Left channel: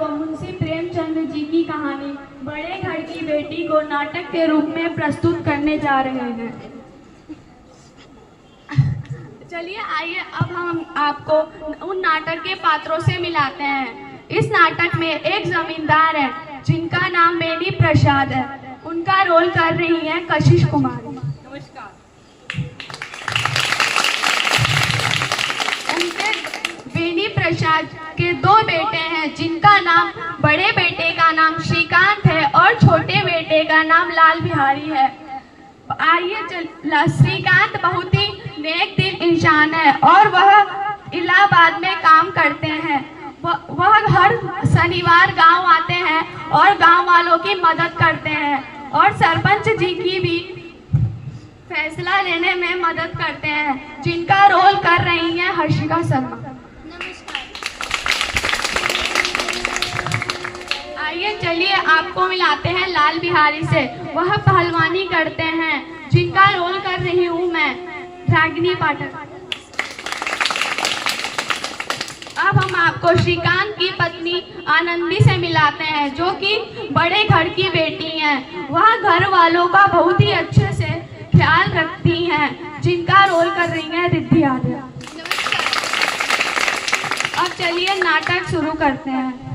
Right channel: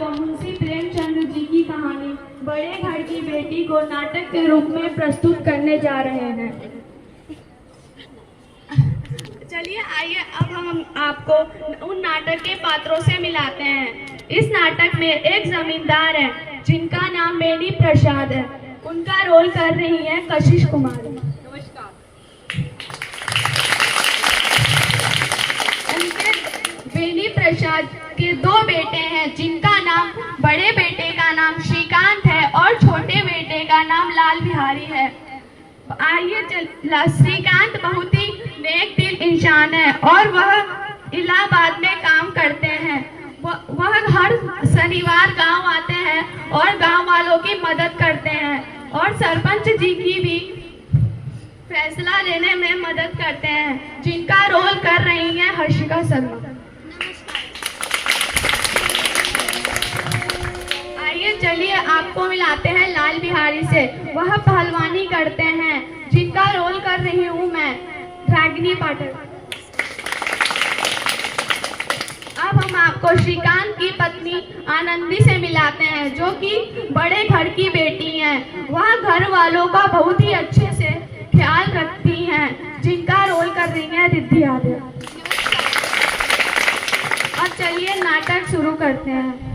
आपको मुंशी प्रेमचंद जी की कहानी बड़े घर की बेटी को नाटक के रूप में प्रस्तुत करने जा रहे हैं। चलिए आइए अब हम आपको उन नाटक के पात्रों से मिलाते हैं। इस नाटक में एक जमींदार है जिनका नाम बेनी प्रसाद है। उनका रोल कर रही है कशिश कुमारी। उनके बेनी प्रसाद के दो बेटे हैं जिनका नाम, बड़े बेटे का नाम श्रीकांत है और छोटे बेटे का नाम लाल बिहारी है। आइए श्रीकांत बहुत ही नेक दिल इंसान है और वह इलाहाबाद में काम करते हैं। वह हर शनिवार गांव आते हैं और गांव वालों की मदद करते हैं और सरपंच जी की भी फैसला लेने में मदद करते हैं, जिनका रोल कर रही हैं हर्षिका शर्मा। आइए चलिए आपको मिलाते हैं लाल बिहारी से। वह पहलवानी करते हैं, जिनका रोल कर रही हूँ मैं रागिनी पाठक। अब हम आपको श्रीकांत की पत्नी आनंदी से मिलाते हैं, जो कि बड़े घर की बेटी हैं। वह घर वालों का बहुत ही अच्छे से ख्याल रखती हैं, जिनका रोल कर रही हैं रिद्धि आर्य। अब चलिए नाटक शुरू करते हैं।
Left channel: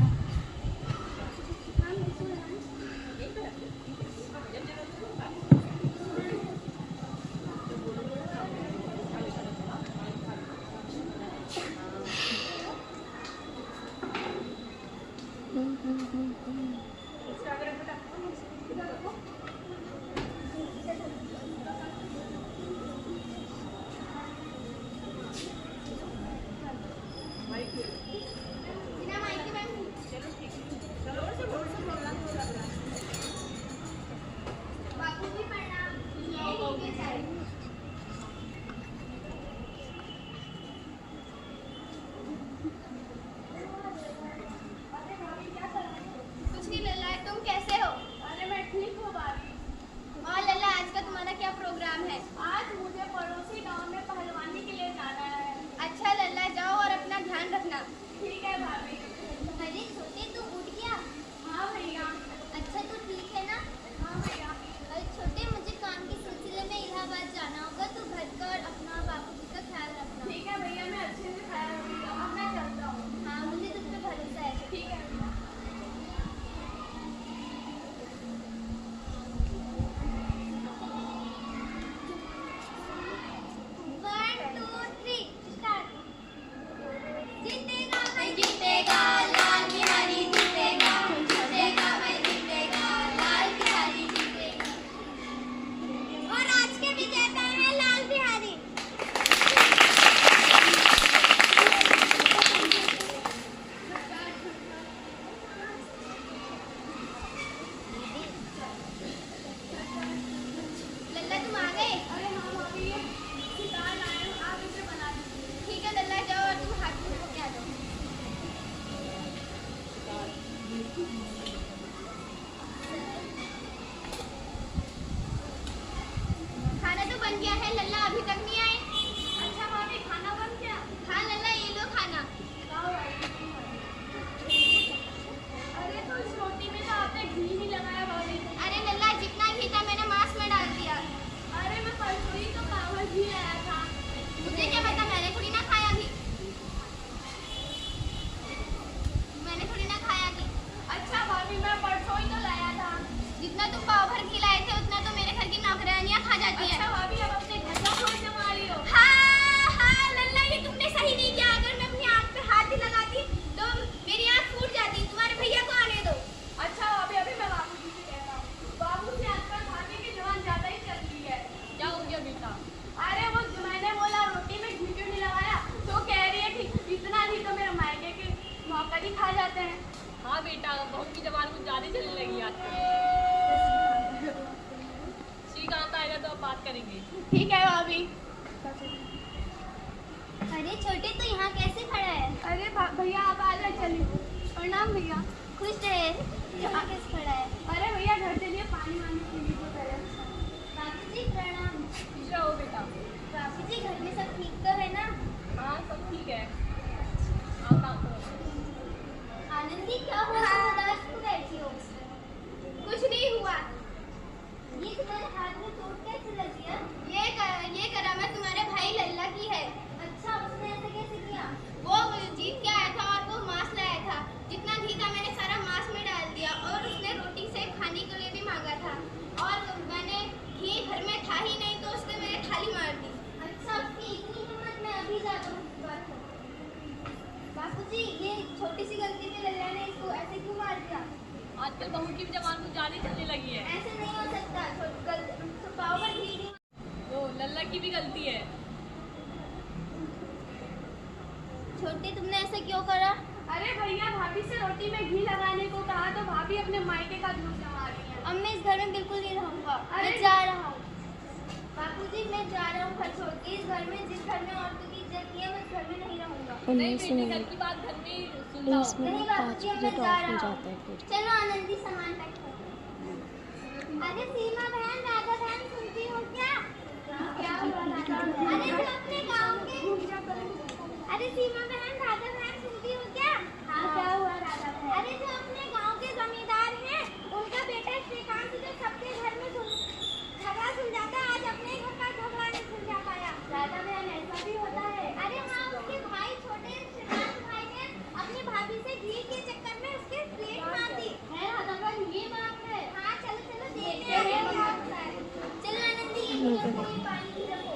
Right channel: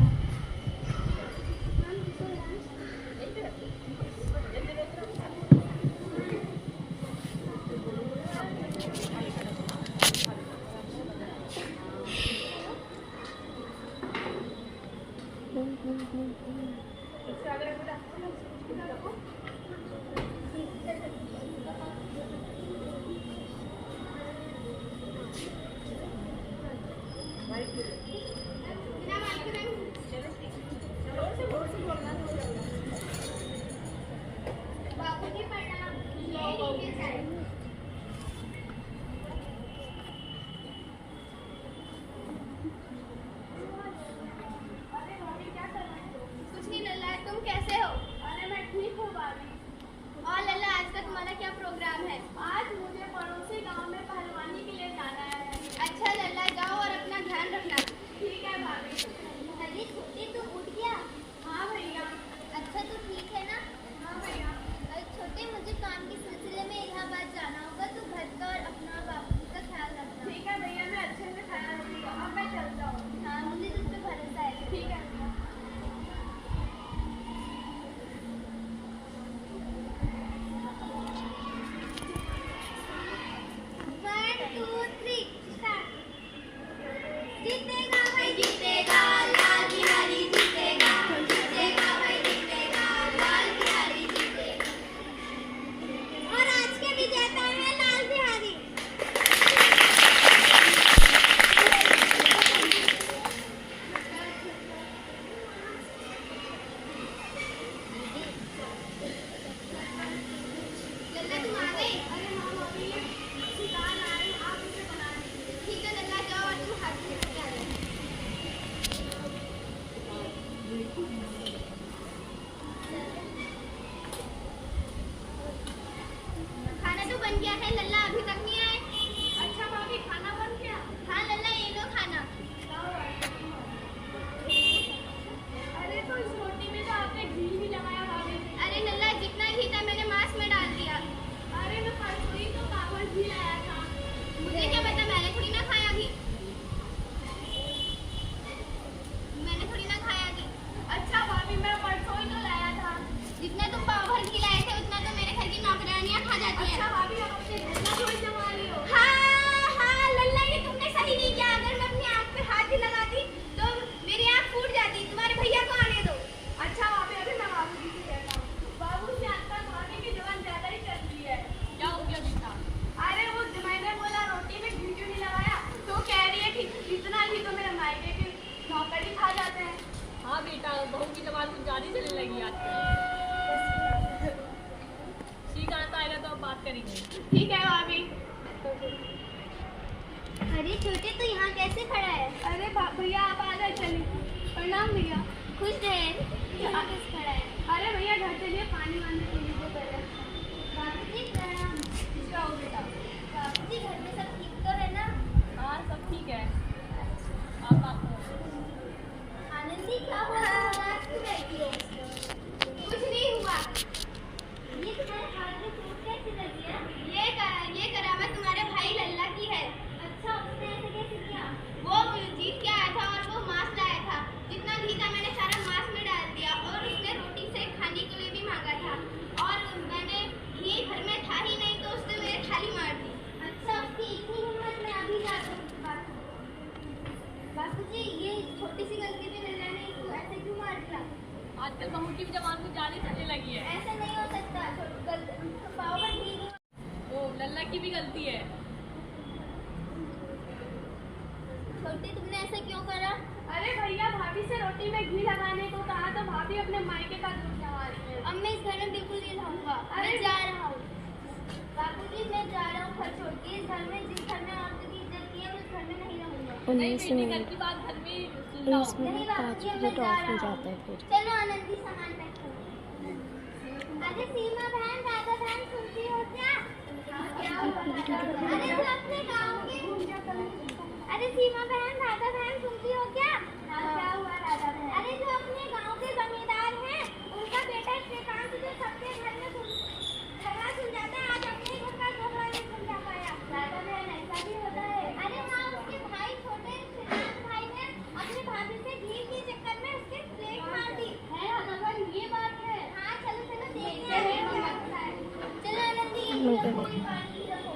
ठीक है भाभी। अरे छोटे तो यहाँ कैसे खड़ा है? अरे भैया आप आ गए, चलिए। प्रणाम भैया। खुश रहे। यहाँ कैसे खड़ा है? अरे भैया घर चलिए, पानी वानी पी लीजिए पहले। बापू जी प्रणाम। जाओ बेटा। बापू जी घर में सब ठीक तो है ना? हाँ सब ठीक है। आनंद जी क्या हुआ आजकल बहू की भी जबान कुछ ज्यादा चलने लगी है। ऐसे नहीं हो सकता। तो पाव पर घी तो लल्ला की भी गलती है। छोटी, तुमने ऐसे क्यों करा? अरे भैया, भाभी से रोटी में घी लगाने को कहा तो भाभी अपने मायके का दूध लगा रही है। अब मैं इस घर में बिल्कुल नहीं रहूंगा। मैं जा रहा हूँ। बापूजी, मैं जा रहा हूँ घर छोड़ के। इस घर में, जिस घर में औरतों की इज्जत नहीं है, मैं उस घर में नहीं रहूंगा। नहीं बेटी, घर की बात घर में सुन लो। 19 मिनट 5 बजे ऑफ हो जाता है फिर। चलो आनंदी, सामान पैक करो। अरे सीमा बहन, राधा बहन, सुनती हो क्या? क्या हुआ राधा बहन? अरे जो अपने गाँव के, अरे सीमा बहन, राधा बहन, सुनती हो क्या? हाँ, क्या हुआ राधा बहन? अरे जो अपने गाँव के जमींदार हैं, उनका बेटा श्रीकांत जो सबके घर में झगड़ा सुलझाता, आज अपने घर का झगड़ा नहीं सुलझा पाया। राधा बहन, ऐसा भी होता है? अरे हाँ, उसके भाई, छोटे श्रीकांत भाई ने अपनी भाभी से घी के चक्कर में उसके प्लेट मार दी है। राधा बहन, ये बात है? हाँ, चलो चलो देखते हैं क्या होता है। चलो आनंदी, ये रखो, ये पानी रखो।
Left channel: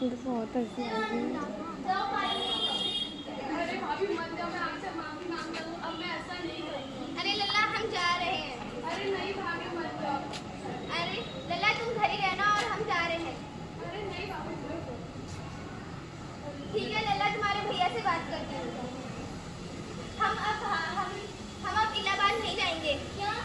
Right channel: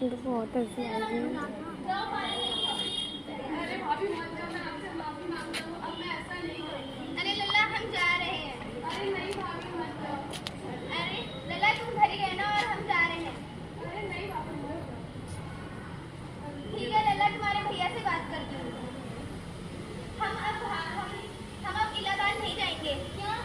चलो बहुत हंसी आ रही है। जाओ पानी लेके। अरे भाभी मत जाओ, मैं आपसे माफी मांगता हूँ, अब मैं ऐसा नहीं करूँगी। अरे लल्ला, हम जा रहे हैं। अरे नहीं भाभी, मत जाओ। अरे लल्ला, तुम घर ही रहना और हम जा रहे हैं। अरे नहीं भाभी, मत जाओ। ठीक है लल्ला, तुम्हारे भैया से बात करती हूँ। हम अब इलाहाबाद नहीं जाएंगे। क्यों?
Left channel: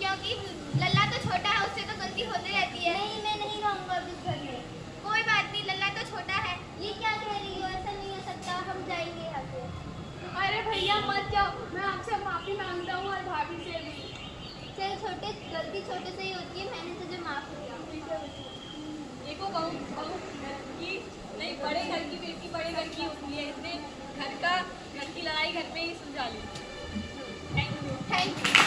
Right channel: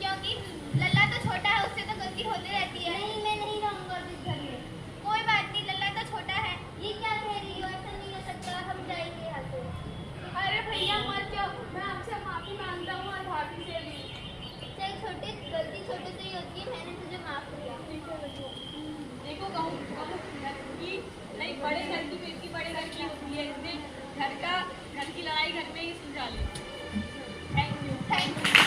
क्योंकि लल्ला तो छोटा है, उससे तो गलती होती रहती है। नहीं, मैं नहीं रहूँगा इस घर में। कोई बात नहीं, लल्ला तो छोटा है। ये क्या कह रही हो? ऐसा नहीं हो सकता, हम जाएंगे यहाँ से। अरे भैया मत जाओ, मैं आपसे माफी मांगता हूँ और भाभी से भी। चल छोटे, गलती छोटे से ही होती है, मैंने तुझे माफ किया। देखो बहू की नहीं, बड़े घर की बेटी बड़े घर की होती है। इसने घर की लड़ाई घर में ही सुलझा ली। Thank you. Thank you.